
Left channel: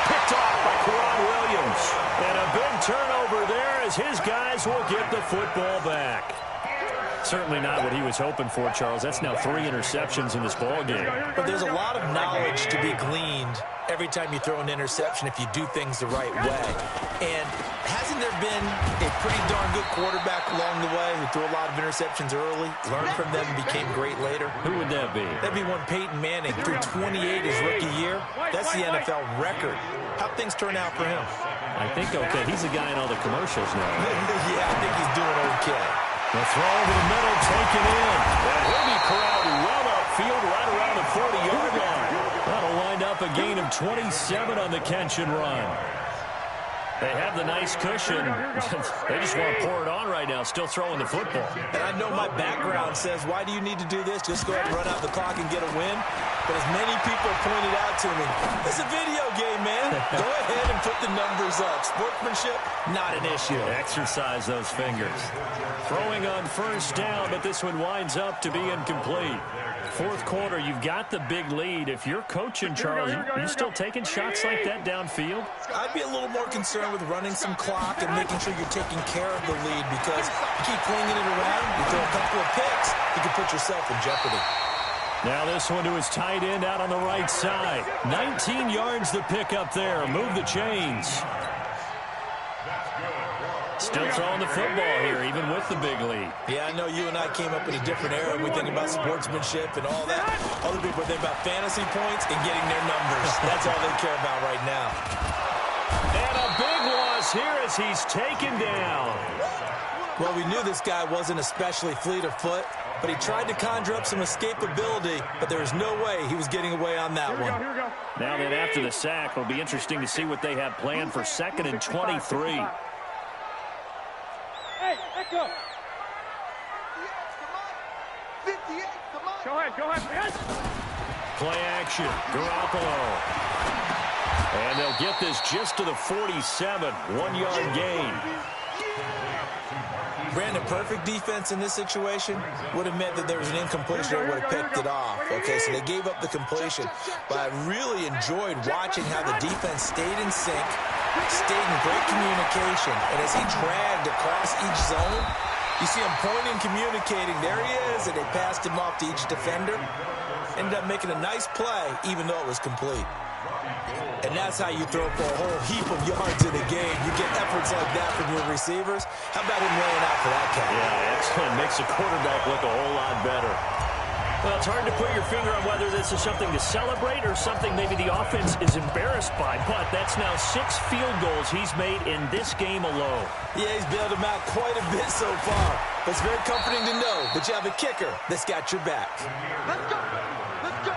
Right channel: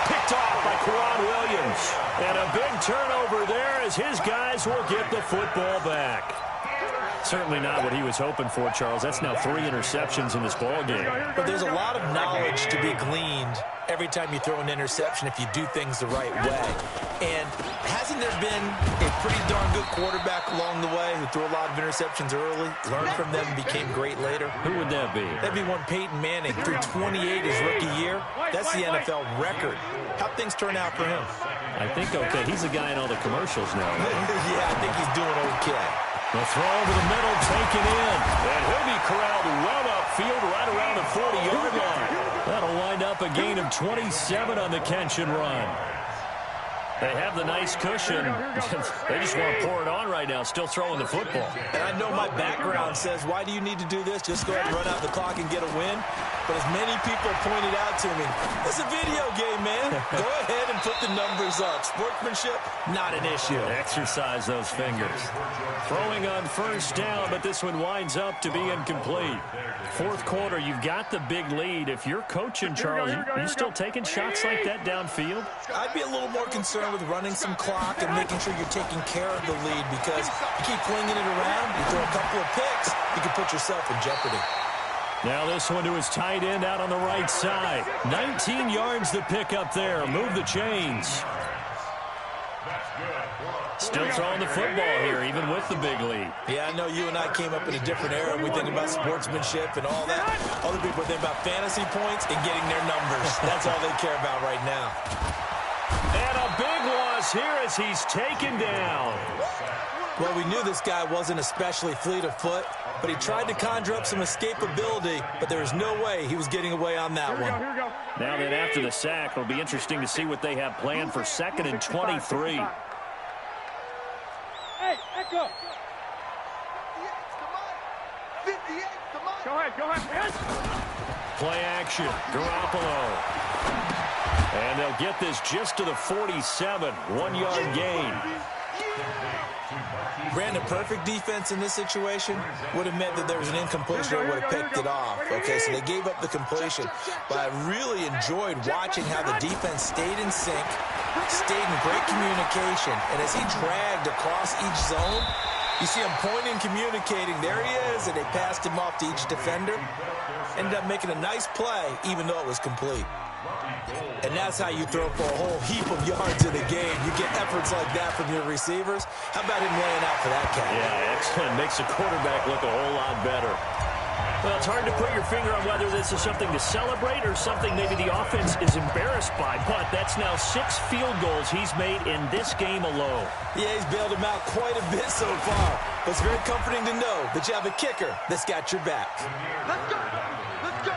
Picked off by Quran Williams. And a big turnover there as his guys will get the football back. Certainly not what he was hoping for, Charles. That's now 3 interceptions in this ball game. But there's a lot of knowledge to be gleaned every time you throw an interception if you do things the right way. And hasn't there been a pretty darn good quarterback along the way who threw a lot of interceptions early, learned from them, and became great later? Who would that be? That'd be one Peyton Manning, threw 28 his rookie year. That's the NFL record. How'd things turn out for him? I think okay. He's a guy in all the commercials now. Yeah, I think he's doing okay. The throw over the middle, taken in. And he'll be corralled well upfield right around the 40-yard line. That'll wind up a gain of 27 on the catch and run. They have the nice cushion. They just want to pour it on right now, still throwing the football. And I know my background says, why do you need to do this? Just go ahead and run out the clock and get a win. But as many people pointed out to me, it's a video game, man. Go ahead and put the numbers up. Sportsmanship, not an issue. Exercise those fingers. Throwing on first down, but this one winds up to be incomplete. Fourth quarter, you've got the big lead. If you're coaching, Charles, you still taking shots like that downfield? I'd be a little more concerned with running some clock and making sure you're taking care of the lead because you keep flinging it around, you throw a couple of picks, you can put yourself in jeopardy. Now this one to his tight end out on the right side. 19 yards to pick up there. Move the chains. Still throwing the football here, even with the big lead. Yeah, I know you and I came up in a different era. We think about sportsmanship and all that. Other people think about fantasy points and getting their numbers. That's all they care about right now. And a big loss here as he's taken down. Well, we knew this guy wasn't especially fleet of foot, but he tried to conjure up some escapability, but there was no way he was getting away on that one. Here we go. Now then, after the sack, it'll be interesting to see what they have planned for 2nd and 23. Hey, Echo. 58 to Mike. Go ahead. Yes. Play action, Garoppolo. And they'll get this just to the 47, 1-yard gain. Brandon, perfect defense in this situation would have meant that there was an incompletion that would have picked it off. Okay, so they gave up the completion. But I really enjoyed watching how the defense stayed in sync, stayed in great communication, and as he dragged across each zone, you see him pointing, communicating. There he is, and they passed him off to each defender. Ended up making a nice play, even though it was complete. And that's how you throw for a whole heap of yards in a game. You get efforts like that from your receivers. How about him laying out for that cat? Yeah, excellent. Makes the quarterback look a whole lot better. Well, it's hard to put your finger on whether this is something to celebrate or something maybe the offense is embarrassed by. But that's now 6 field goals he's made in this game alone. Yeah, he's bailed him out quite a bit so far. But it's very comforting to know that you have a kicker that's got your back. Let's go. Let's go.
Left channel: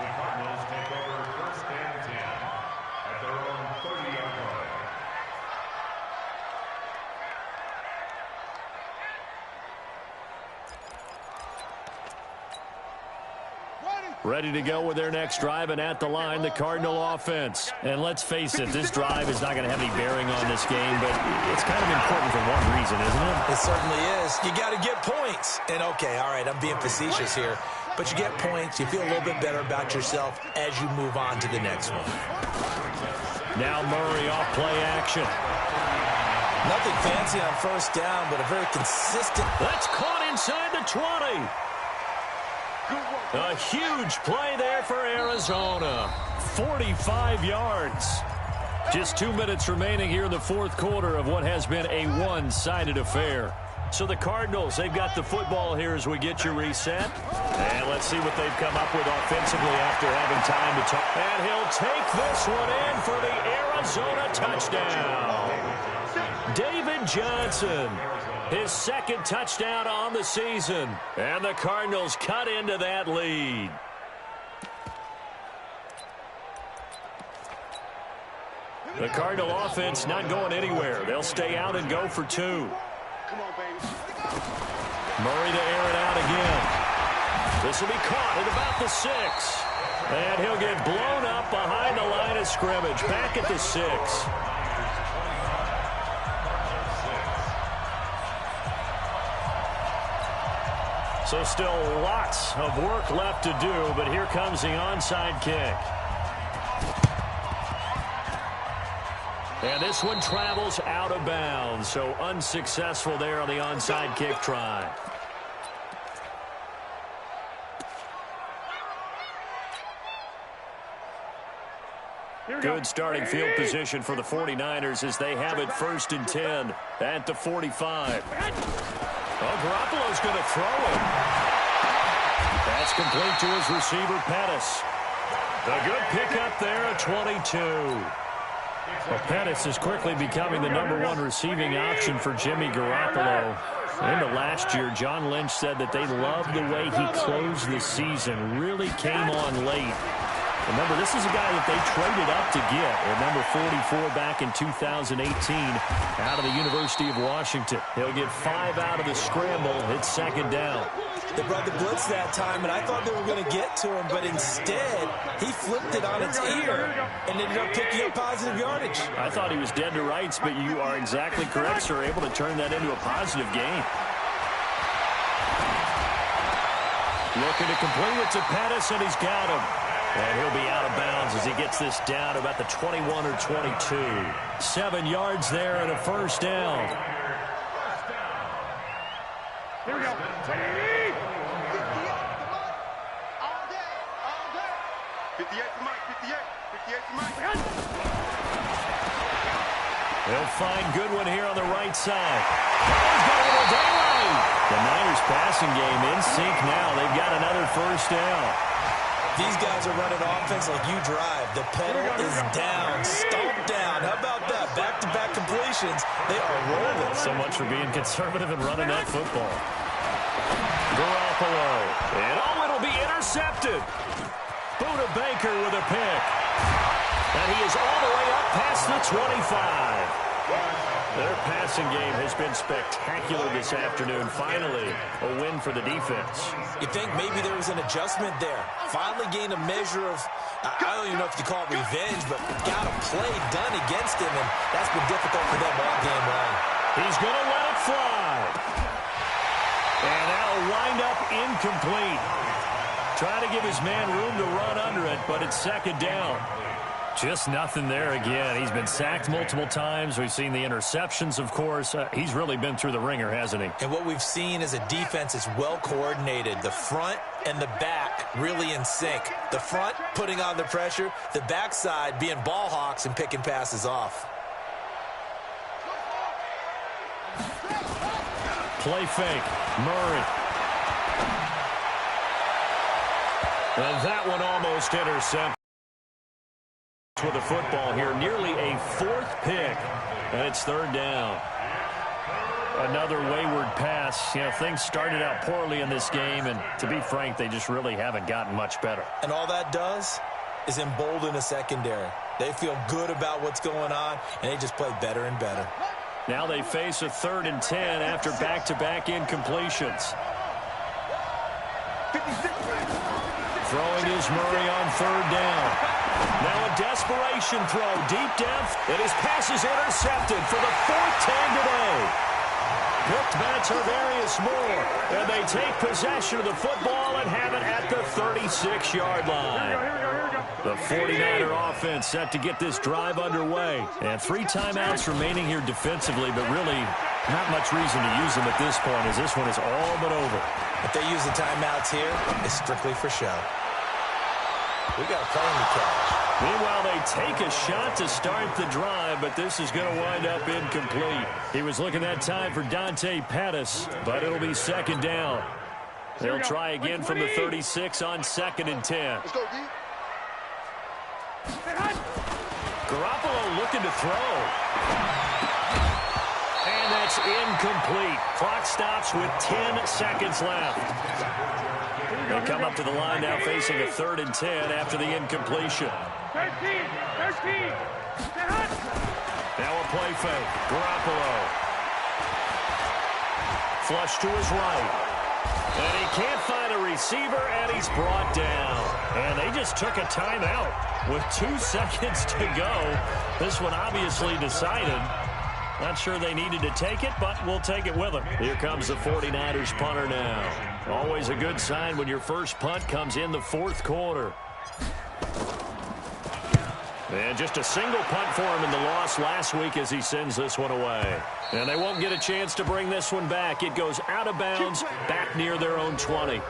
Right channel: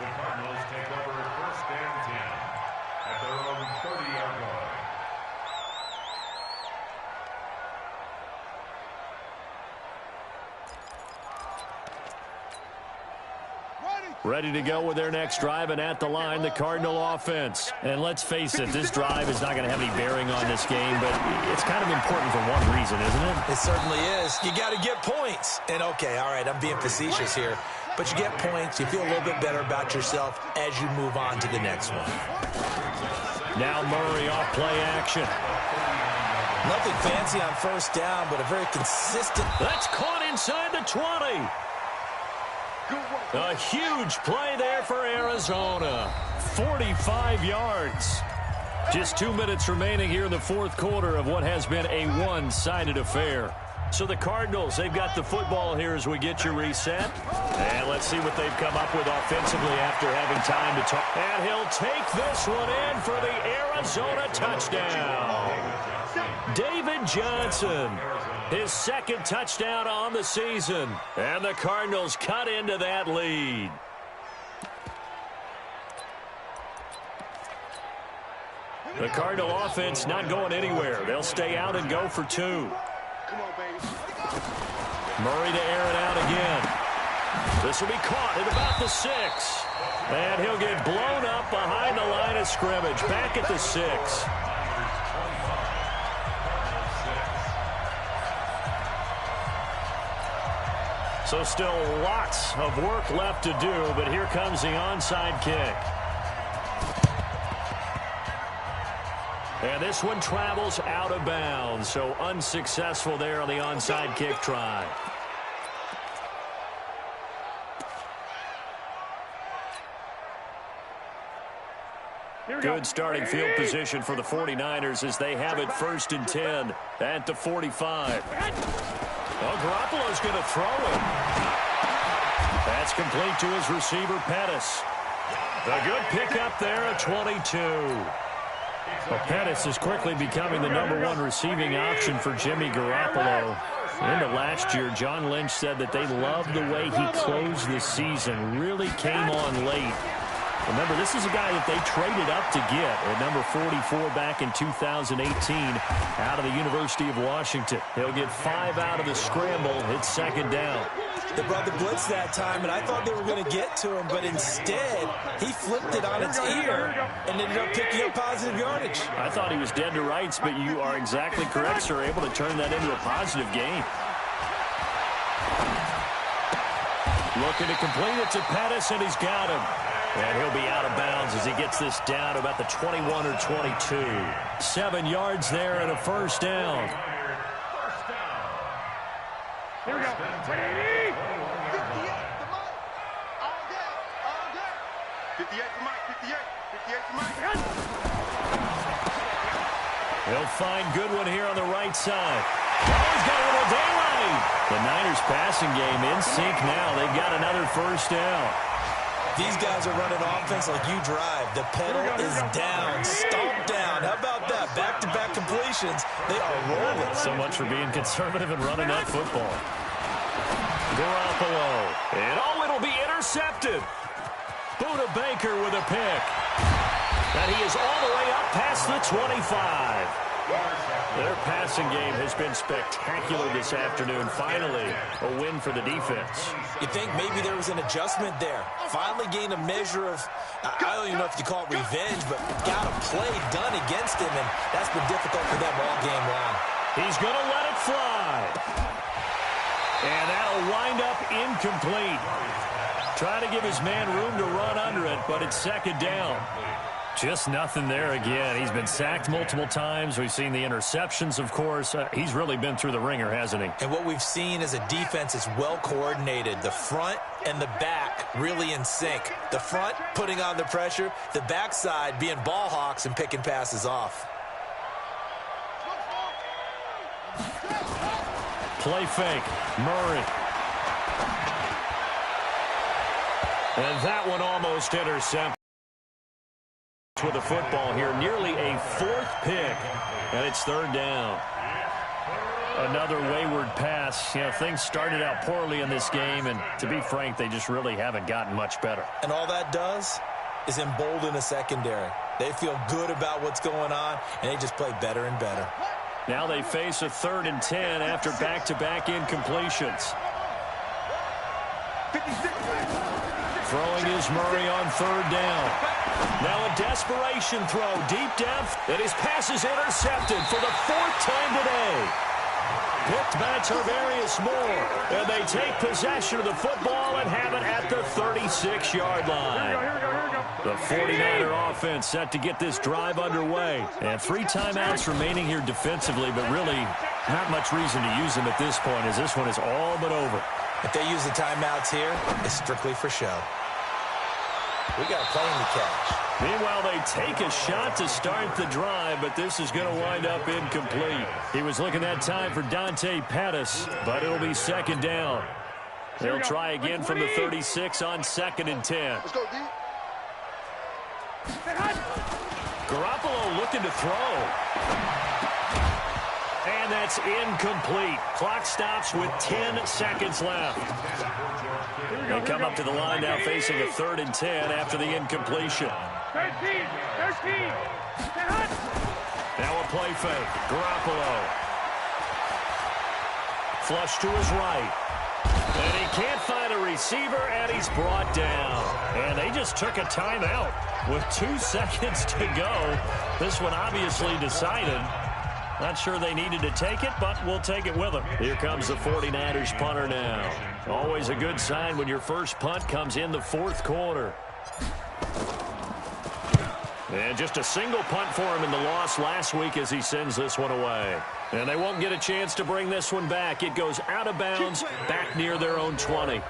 The Cardinals take over 1st and 10 at their own 30-yard line. Ready to go with their next drive, and at the line, the Cardinal offense. And let's face it, this drive is not going to have any bearing on this game, but it's kind of important for one reason, isn't it? It certainly is. You got to get points. And, okay, all right, I'm being facetious here. But you get points, you feel a little bit better about yourself as you move on to the next one. Now Murray off play action. Nothing fancy on 1st down, but a very consistent. That's caught inside the 20. A huge play there for Arizona. 45 yards. Just 2 minutes remaining here in the 4th quarter of what has been a one-sided affair. So the Cardinals, they've got the football here as we get you reset. And let's see what they've come up with offensively after having time to talk. And he'll take this one in for the Arizona touchdown. David Johnson, his 2nd touchdown on the season. And the Cardinals cut into that lead. The Cardinal offense not going anywhere. They'll stay out and go for 2. Come on, baby. Murray to air it out again. This will be caught at about the 6. And he'll get blown up behind the line of scrimmage. Back at the 6. So still lots of work left to do, but here comes the onside kick. And this one travels out of bounds, so unsuccessful there on the onside kick try. Good starting field position for the 49ers as they have it 1st and 10 at the 45. Well, Garoppolo's going to throw it. That's complete to his receiver, Pettis. A good pickup there at 22. Well, Pettis is quickly becoming the #1 receiving option for Jimmy Garoppolo. Into last year, John Lynch said that they loved the way he closed the season, really came on late. Remember, this is a guy that they traded up to get at number 44 back in 2018 out of the University of Washington. He'll get 5 out of the scramble. It's 2nd down. They brought the blitz that time, and I thought they were going to get to him, but instead, he flipped it on its ear and ended up picking up positive yardage. I thought he was dead to rights, but you are exactly correct, sir. Able to turn that into a positive gain. Looking to complete it to Pettis, and he's got him. And he'll be out of bounds as he gets this down to about the 21 or 22. 7 yards there and a 1st down. Here we go. 58 to Mike. All day. All day. 58 to Mike. 58. 58 to Mike. He'll find Goodwin here on the right side. Oh, he's got a little daylight. The Niners passing game in sync now. They've got another 1st down. These guys are running offense like you drive. The pedal is down, stomped down. How about that? Back-to-back completions. They are rolling. So much for being conservative and running that football. Garoppolo. And it'll be intercepted. Budda Baker with a pick. And he is all the way up past the 25. Their passing game has been spectacular this afternoon. Finally, a win for the defense. You think maybe there was an adjustment there. Finally gained a measure of, I don't even know if you call it revenge, but got a play done against him, and that's been difficult for them all game long. He's going to let it fly. And that'll wind up incomplete. Trying to give his man room to run under it, but it's second down. Just nothing there again. He's been sacked multiple times. We've seen the interceptions, of course. He's really been through the ringer, hasn't he? And what we've seen is a defense is well coordinated. The front and the back really in sync. The front putting on the pressure, the backside being ball hawks and picking passes off. Play fake. Murray. And that one almost intercepted. With the football here, nearly a fourth pick, and it's third down. Another wayward pass. You know, things started out poorly in this game, and to be frank, they just really haven't gotten much better. And all that does is embolden a secondary. They feel good about what's going on, and they just play better and better. Now they face a 3rd and 10 after back-to-back incompletions. Throwing is Murray on 3rd down. Now a desperation throw, deep depth, and his pass is intercepted for the 4th time today. Picked by Tarvarius Moore, and they take possession of the football and have it at the 36-yard line. Here we go. The 49er offense set to get this drive underway. And 3 timeouts remaining here defensively, but really not much reason to use them at this point, as this one is all but over. If they use the timeouts here, it's strictly for show. We got a play in the catch. Meanwhile, they take a shot to start the drive, but this is going to wind up incomplete. He was looking that time for Dante Pettis, but it'll be 2nd down. They'll try again from the 36 on 2nd and 10. Let's go, D. Garoppolo looking to throw. And that's incomplete. Clock stops with 10 seconds left. They come up to the line now facing a 3rd and 10 after the incompletion. 13. Now a play fake. Garoppolo. Flush to his right. And he can't find a receiver, and he's brought down. And they just took a timeout with 2 seconds to go. This one obviously decided. Not sure they needed to take it, but we'll take it with them. Here comes the 49ers punter now. Always a good sign when your first punt comes in the 4th quarter. And just a single punt for him in the loss last week as he sends this one away. And they won't get a chance to bring this one back. It goes out of bounds, back near their own 20.